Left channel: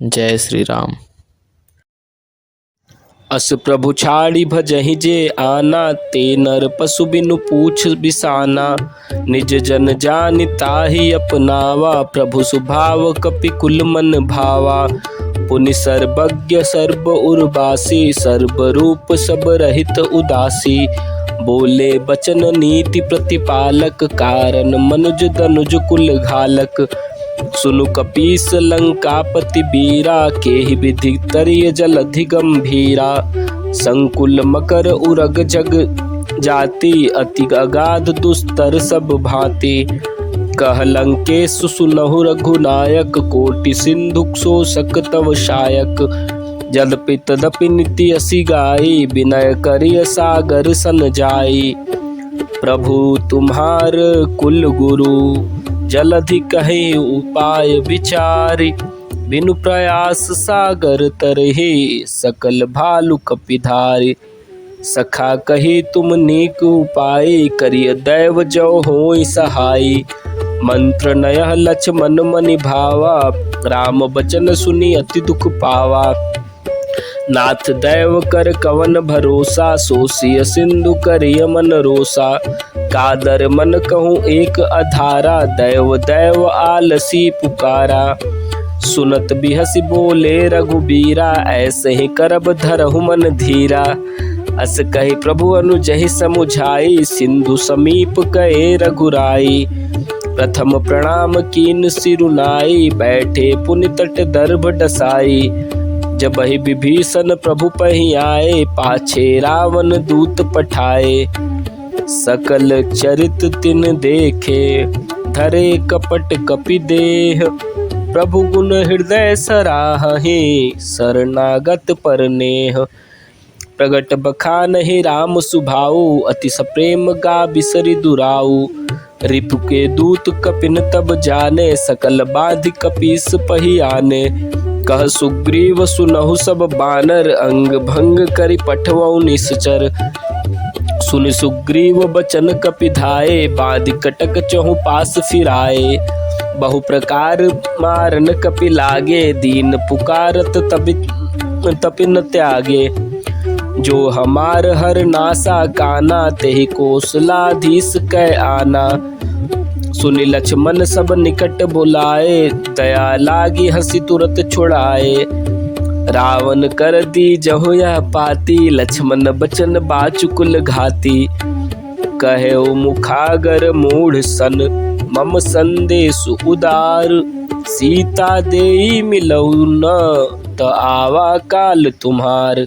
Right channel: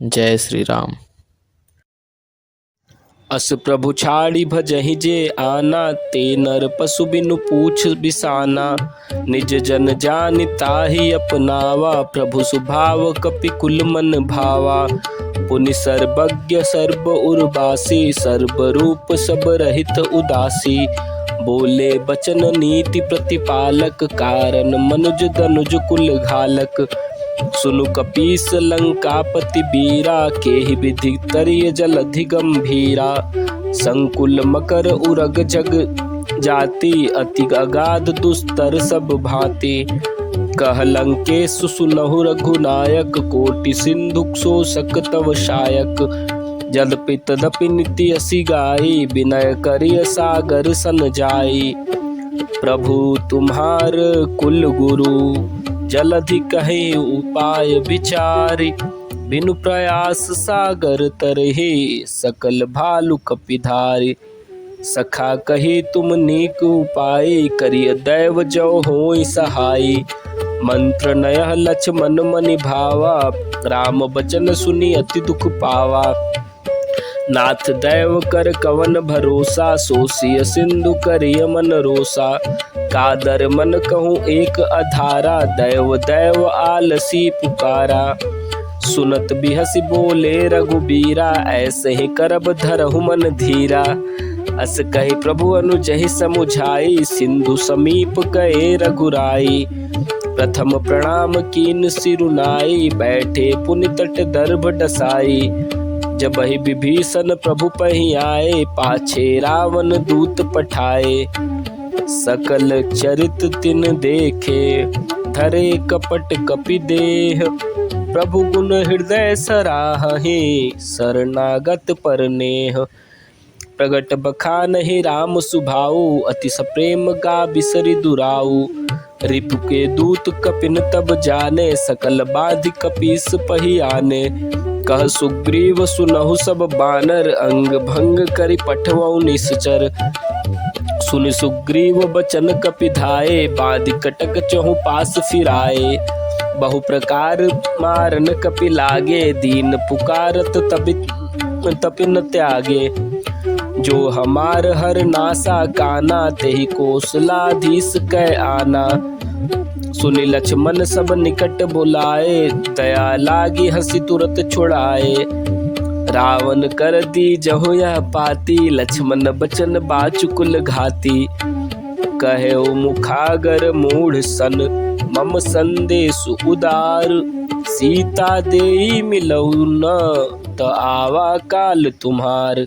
जय श्री राम। अस प्रभु छाड़ी भजहि जे आना, ते नर पशु बिनु पूछ बिसाना। निज जन जानि ताहि अपनावा, प्रभु सुभाव कपि कुल मन भावा। पुनि सर्वज्ञ सर्व उर्वासी, सर्व रूप सब रहित उदासी। बोले बचन नीति प्रतिपालक, कारण मनुज तनुज कुल घालक। सुनु कपीस लंकापति बीरा, केहि विधि तरिय जलधि गंभीरा। संकुल मकर उरग जग जाति, अति अगाध दुस्तर सब भांति। कह लंकेशु सुनहु रघुनायक, कोटि सिंधु शोषक तव शायक। जदपि तदपि नीति असि गाई, विनय करिय सागर सन जाई। प्रभु तुम्हार कुल गुरु, जलधि कहे उपाय विचारी। बिनु प्रयास सागर तरहि, सकल भालु कपिधारी। सखा कही तुम नीक उपाय, करिय दैव जो होई सहाई। मंत्र नयह लक्ष्मण मनि भावा, राम बचन सुनि अति दुख पावा। नाथ दैव कर कवन भरोसा, सोसिय सिंधु करिय मन रोसा। कादर मन कहूँ एक अधारा, दैव दैव आलसी पुकारा। सुनत बिहसी बोले रघुबीरा, ऐसे ही करब धरहु मन धीरा। अस कहि प्रभु अनुजहि समुझाई, सिंधु समीप कहे रघुराई। प्रथम प्रणाम कीन सिरुनाई, बैठे पुनि तट दर्भ डसाई। जबहि विभीषण प्रभु पहि आए, पाछे रावण दूत पठाए। सकल चरित तिन देखे, धरे कपट कपि देह। प्रभु गुण हृदय सराहहि, शरणागत पर नेह। प्रगट बखानहि राम सुभाऊ, अति सप्रेम गा बिसरि दुराऊ। रिपु के दूत कपिन तब जाने, सकल बाधि कपीस पहि आने। कह सुग्रीव सुनहु सब बानर, अंग भंग करि पठवऊ निश्चर। सुनि सुग्रीव बचन कपि धाये, बाधि कटक चहु पास फिराए। बहु प्रकार मारन कपि लागे, दीन पुकारत तपिन त्यागे। जो हमार हर नासा काना, तेहि कौशलाधीश कै आना। सुनि लक्ष्मण सब निकट बुलाए, दया लागी हंसी तुरत छुड़ाए। रावण कर दी जहु यह पाती, लक्ष्मण बचन बाचुकुल घाती। कहे ओ मुखागर मूढ़ सन, मम संदेश उदार। सीता देई मिलऊ न, त आवा काल तुम्हार।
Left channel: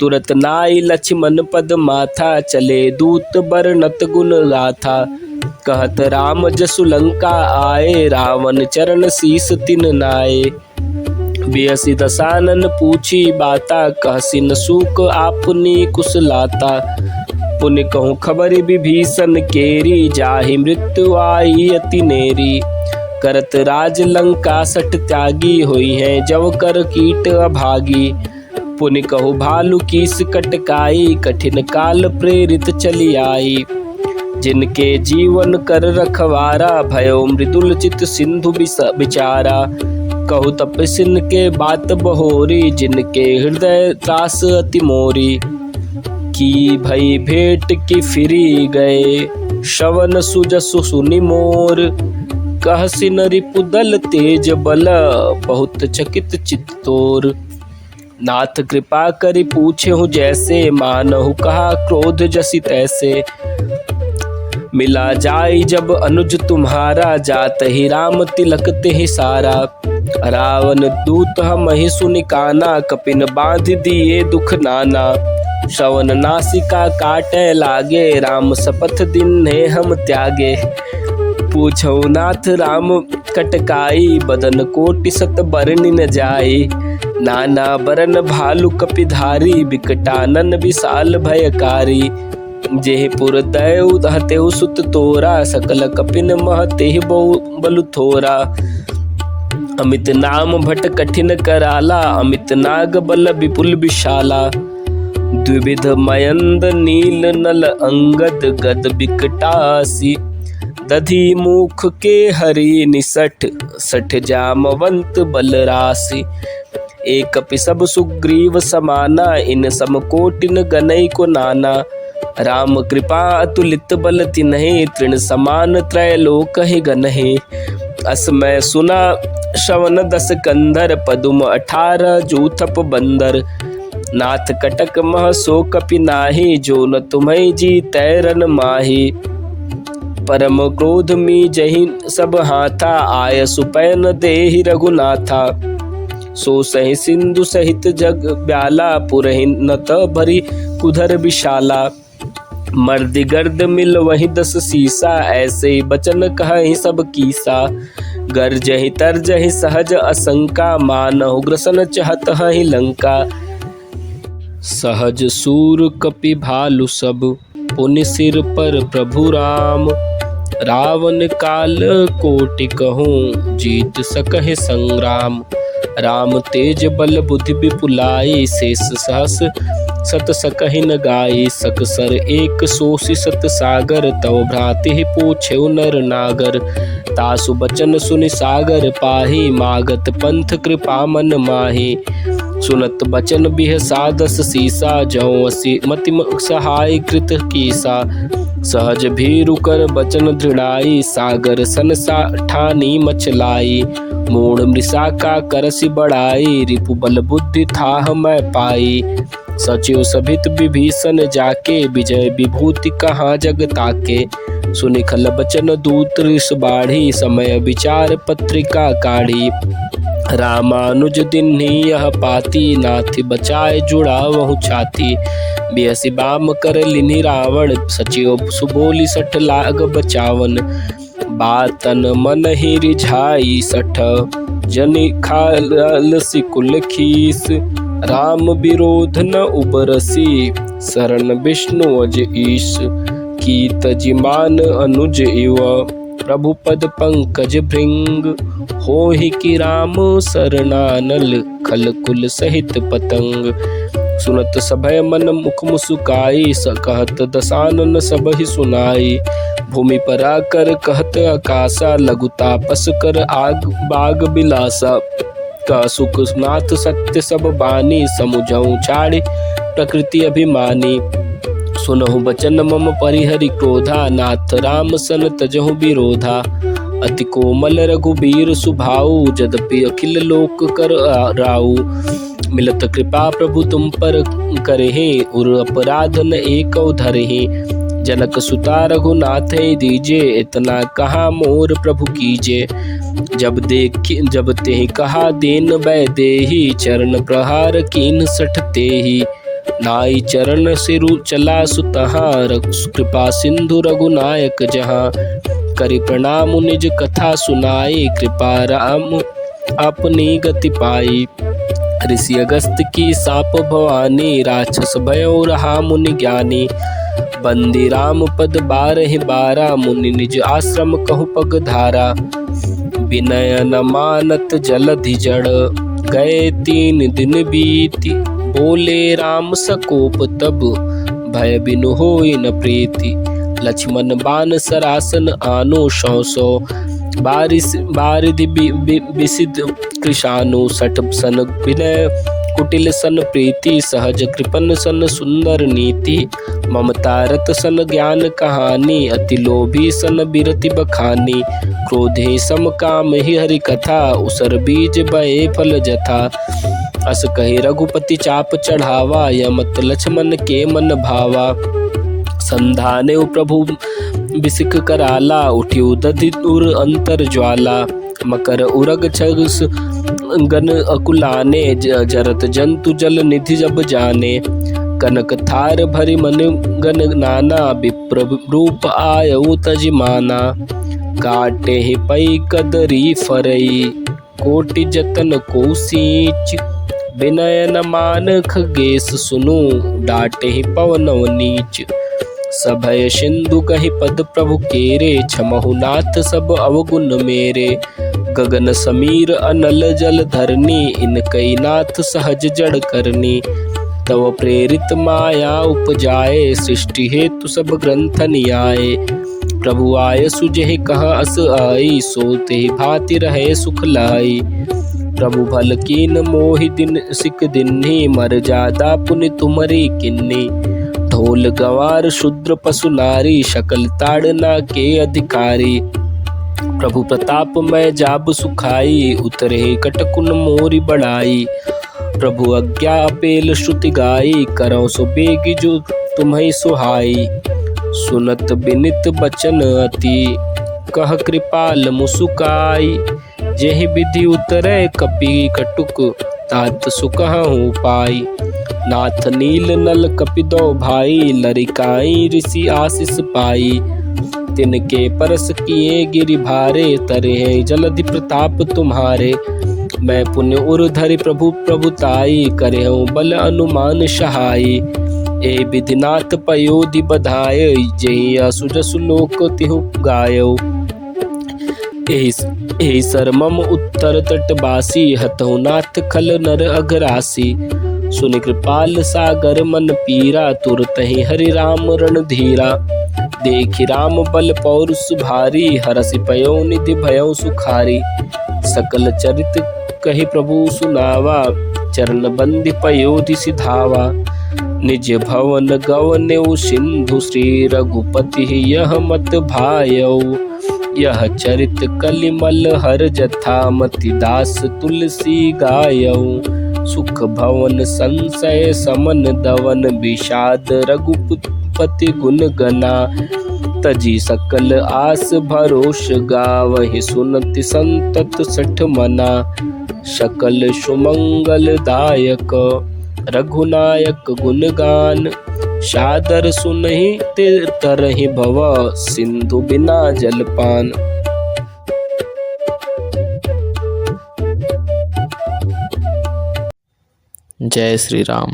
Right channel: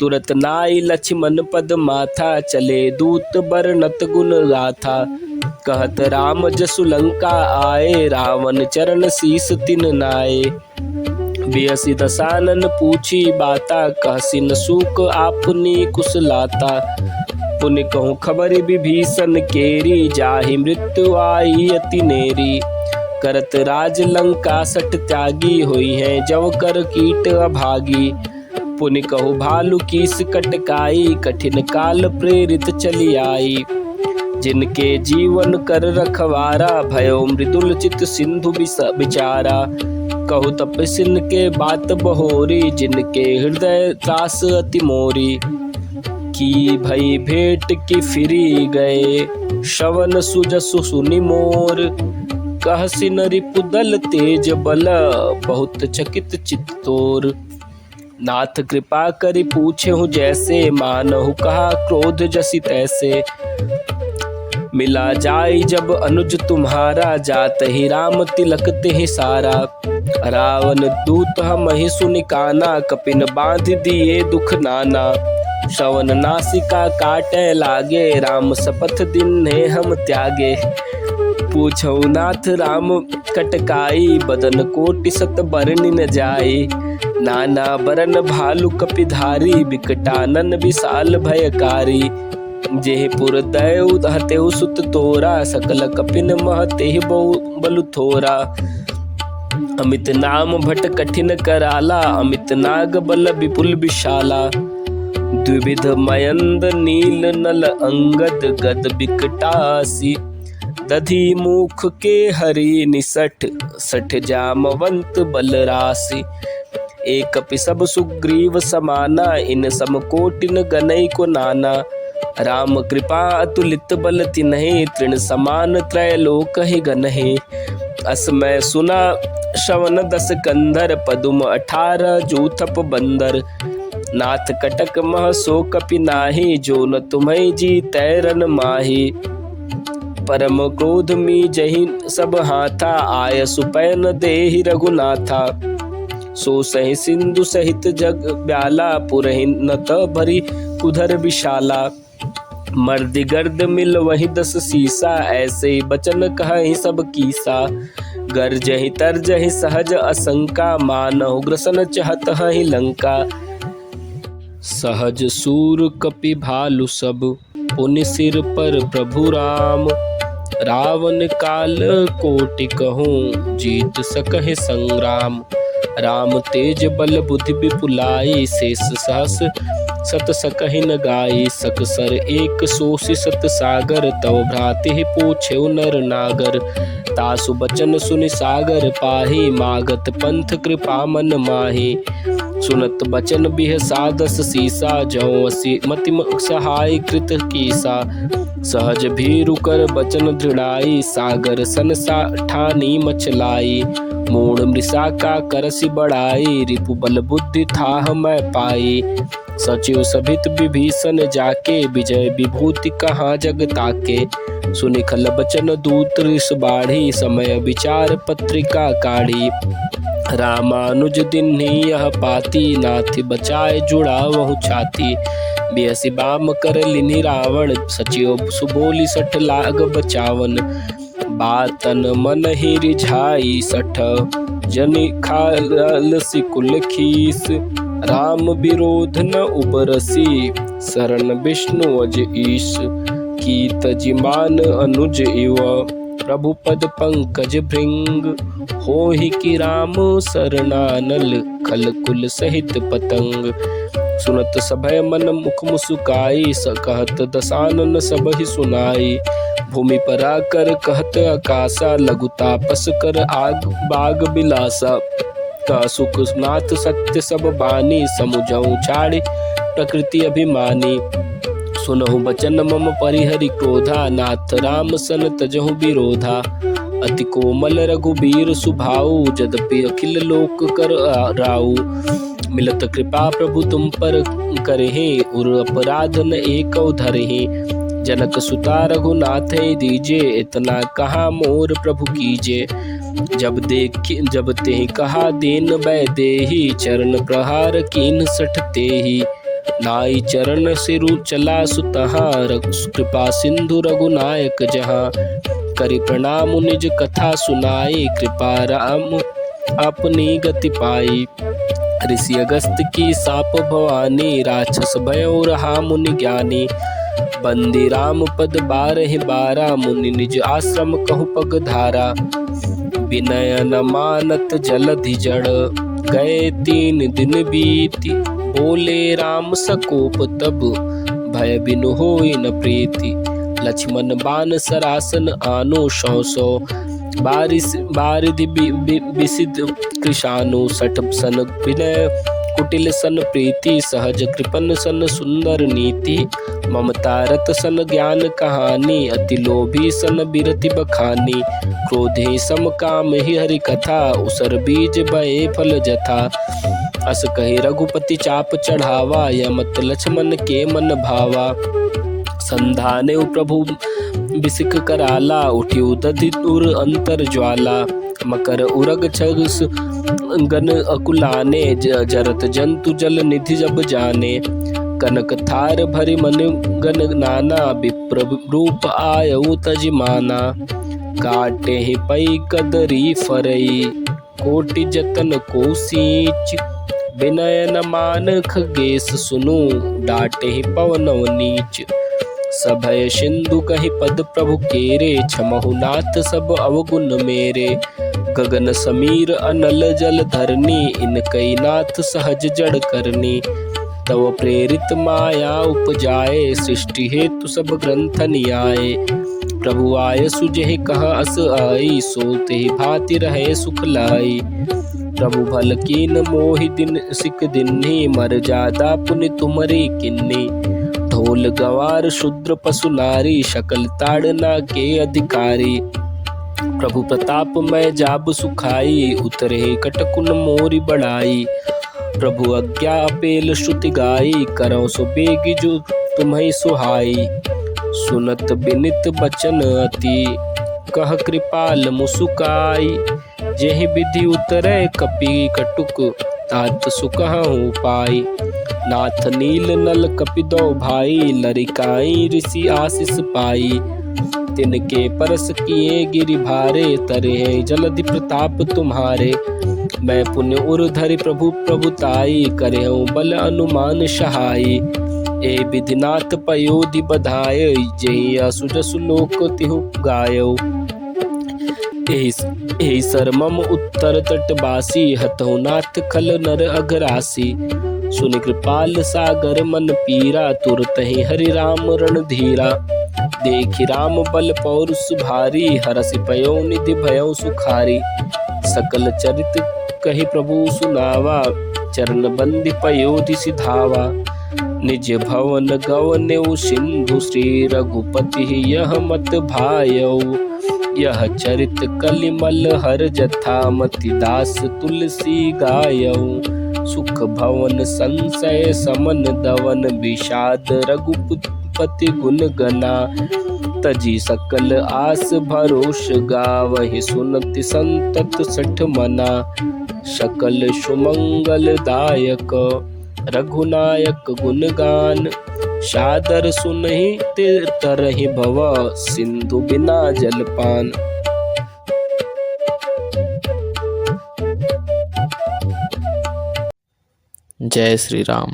तुरत नाई लक्ष्मण पद माथा, चले दूत बरनत गुण गाथा। कहत राम जसु लंका आए, रावण चरण शीस तिन नाये। बियसि दसानन पूछी बाता, कहसिन सूक आपने कुशलाता। पुनि कहूँ खबर विभीषण केरी, जाहि मृत्यु आई अति नेरी। करत राज लंका सठ त्यागी, हुई है जव कर कीट अभागी। पुनि कहु भालु कीस कटकाई, कठिन काल प्रेरित चली आई। जिनके जीवन कर रखवारा, भयो मृदुल चित सिंधु बिचारा। कहु तपसिन के बात बहोरी, जिनके हृदय त्रास अति मोरी। की भई भेंट की फिरी गए, श्रवण सुजसु सुनि मोर। कहसिन रिपुदल तेज बल, बहुत चकित चित्त तोर। नाथ कृपा करि पूछेहु जैसे, मानहु कहा क्रोध जसि तैसे। मिला जाई जब अनुज तुम्हारा, जात ही राम तिलक तेहि सारा। रावण दूत हमहि सुनि काना, कपिन बांध दिए दुख नाना। श्रवण नासिका काटे लागे, राम शपथ दिन्हे हम त्यागे। पूछौ नाथ राम कटकाई, बदन कोटि सत बरनि न जाई। नाना बरन भालु कपिधारी, बिकटानन विशाल भयकारी। जेहि पुर दैव हतेउ सुत तोरा, सकल कपिन मह तेहि बलु थोरा। अमित नाम भट कठिन कराला, अमित नाग बल विपुल विशाला। द्विविध मयंद नील नल अंगद, गद बिकटासी। दधि मुख के हरि निसठ सठ जामवंत बलरासि। एक पि सब सुग्रीव समाना इन समकोटिन गनई को नाना। राम कृपा अतुलित बल तिन्हि तृण समान त्रैलोक ही गनहि। असमय सुना श्रवण 10 कंधर पदुम 18 जूथप बंदर। नाथ कटक मह सो कपि नाही जो न तुम्हि जी तैरन माही। परम क्रोध मी जहि सब हाथा आय सुपैन देहि रघुनाथा। सो सहि सिंधु सहित जग ब्याला पुरहि नत भरी उधर विशाला। मर्द गर्द मिल वही 10 सीसा ऐसे बचन कहि सब कीसा। गर्जहि तरजहि सहज असंका मानहु ग्रसन चहत हहि लंका। सहज सूर कपि भालु सब पुनि सिर पर प्रभु राम। रावण काल कोटि कहूँ जीत सकहि संग्राम। राम तेज बल बुद्धि विपुलाई शेष सहस सत सकहि न गाई। सकसर एक सोषि सत सागर तव भ्राति पूछेउ नर नागर। तासु बचन सुनि सागर पाही मागत पंथ कृपा मन माही। सुनत बचन बिहसा 10 सीसा जौ असी मति सहाय कृत कीसा। सहज भीरु कर बचन दृढ़ाई सागर सन सा ठानी मचलाई। मूढ़ मृषा का करसि बढ़ाई रिपु बल बुद्धि थाह मैं पाई। सचिव सभित विभीषण जाके विजय विभूति कहाँ जग ताके। सुनि खल बचन दूत ऋष बाढ़ी समय विचार पत्रिका काढ़ी। रामानुज दिन्ही यह पाती नाथि बचाए जुड़ा वहु छाती। बिहसि बाम कर लिनि रावण सचिव सुबोली 60 लाग बचावन। बातन मन ही रिझाई 60 जनि खालसि कुल खीस। राम विरोध न उबरसी शरण विष्णु अज ईश। कीत जिमान अनुज इव प्रभु पद पंकज भृंग। होहि कि राम शरणानल खल कुल सहित पतंग। सुनत सभय मन मुख मुसुकाई कहत दसानन सब ही सुनाई। भूमि पर आकर कहत आकाशा लघु तापस कर आग बाग बिलासा। का सुख नाथ सत्य सब बानी समुझऊ छाड़े प्रकृति अभिमानी। सुनहु बचन मम परिहरि क्रोधा नाथ राम सन तजहु विरोधा। अति कोमल रघुबीर सुभाऊ जदपि अखिल लोक कर राऊ। मिलत कृपा प्रभु तुम पर करहि उर अपराध न एक धरहि। जनक सुता रघुनाथ दीजे इतना कहा मोर प्रभु कीजे। जब ते कहा देन बै देही चरण प्रहार कीन 60 तेहि। नाई चरण सिरु चला सुतहार कृपा सिंधु रघुनायक जहाँ। करि प्रणाम निज कथा सुनाई कृपा राम अपनी गति पाई। ऋषि अगस्त की साप भवानी राक्षस भयो रहा मुनि ज्ञानी। बंदी राम पद 12 मुनि निज आश्रम कहु पग धारा। विनय न मानत जलधि जड़ गए 3 दिन बीती। बोले राम सकोप तब भय बिनु होई न प्रीति। लक्ष्मण बान सरासन आनो 100 बारिधि विसिद कृशानु। 60 सन विनय कुटिल सन प्रीति सहज कृपन सन सुंदर नीति। ममता रत सन ज्ञान कहानी अति लोभी सन बिरति बखानी। क्रोधे सम काम ही हरि कथा उसर बीज बहे फल जथा। अस कहि रघुपति चाप चढ़ावा यमत लक्ष्मण के मन भावा। संधाने प्रभु बिसिक कराला उठियो दधि दूर अंतर ज्वाला। मकर उरग छगस गन अकुलाने जरत जंतु जल निधि जब जाने। कनक थार भरि मन गन नाना विप्र रूप आयु तजिमाना। काटे ही पई कदरी फरई कोटि जतन को सींच। विनय न मान खगेश सुनु डाटे ही पवनव नीच। सभय सिंधु कहि पद प्रभु केरे छमहु नाथ सब अवगुण मेरे। गगन समीर अनल जल धरनी इनकई नाथ सहज जड़ करनी। तव प्रेरित माया उपजाए सृष्टि हेतु सब ग्रंथ नियाए। प्रभु आय सुजहि कह अस आई, सोते भांति रहे सुख लाई। प्रभु भल कीन मोहि दिन सिक दिन्ही, मर जादा पुनि तुमरी किन्नी। ढोल गवार शूद्र पशु नारी, सकल ताड़ना के अधिकारी। प्रभु प्रताप मैं जाब सुखाई, उतरे कटकुन मोरी बढ़ाई। प्रभु आज्ञा अपेल श्रुति गाई, करौ सुबेग जो तुम्हें सुहाई। सुनत बिनित बचन अति, कह कृपाल मुसुकाई। जेहि विधि उतरे कपि कटुक, तात सुकहु पाई। नाथ नील नल कपिदो भाई, लरिकाई ऋषि आशीष पाई। तिनके परस किए गिरि भारे, तरे जलधि प्रताप तुम्हारे। मैं पुण्य उर धरि प्रभु प्रभुताई, करहु बल अनुमान सहाई। ए विधिनाथ पयोधि बधाय, जहि असु जसु लोक तिहु गायो। एहि सरमम उत्तर तटवासी, हतौ नाथ खल नर अघरासी। सुनि कृपाल सागर मन पीरा, तुरतहि हरि राम रणधीरा। देखि राम बल पौरुष भारी, हरषि पयो निधि भयउ सुखारी। सकल चरित कहि प्रभु सुनावा, चरण बंधि पयोधि सिधावा। निज भवन गवनेउ सिंधु, श्री रघुपति यह मत भायौ। यह चरित कलिमल हर जथा, मति दास तुलसी गायौ। सुख भवन संशय समन दवन, विषाद रघुपति गुण गना। तजी सकल आस भरोष, गावहि सुनति संतत सठ मना। सकल सुमंगल दायक, रघुनायक गुणगान। सादर सुनहि ते तरहि भव, सिंधु बिना जलपान। जय श्री राम।